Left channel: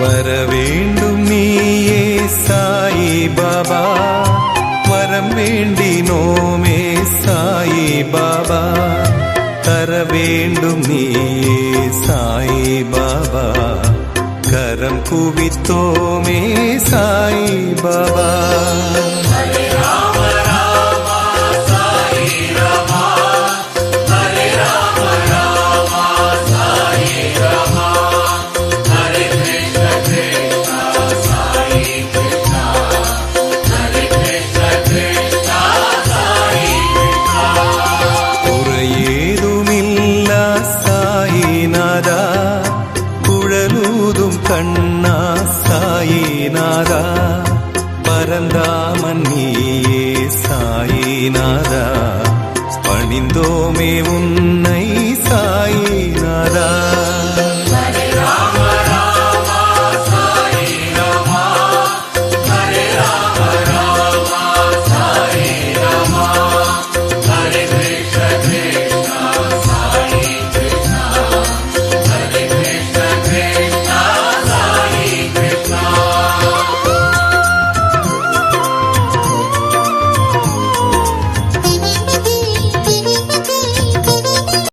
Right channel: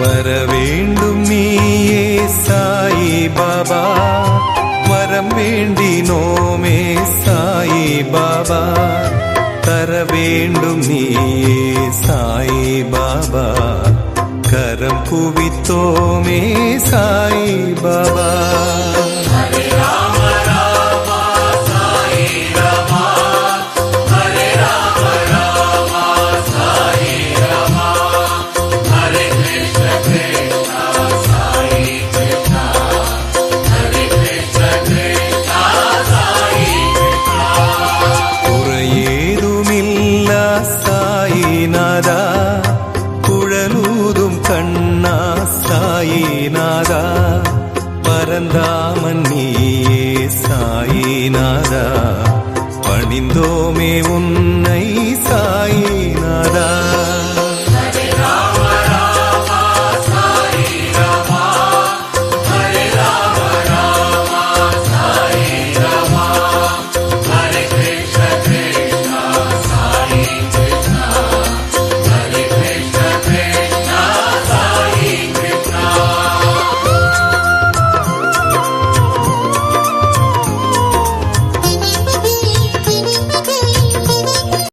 வர வேண்டும் நீயே சாயி பாபா, வரம் வேண்டினோமே சாயி பாபா, தர வேண்டும் நீயே சாயி பாபா, கரம் குவித்தோமே சாயி பாபா. குறையேதுமில்லா சாயிநாதா, குழலூதும் கண்ணா சாயிநாதா, பரந்தாமன் நீயே சாயிநாதா, பணிந்தோமே உன்னை சாயிநாதா.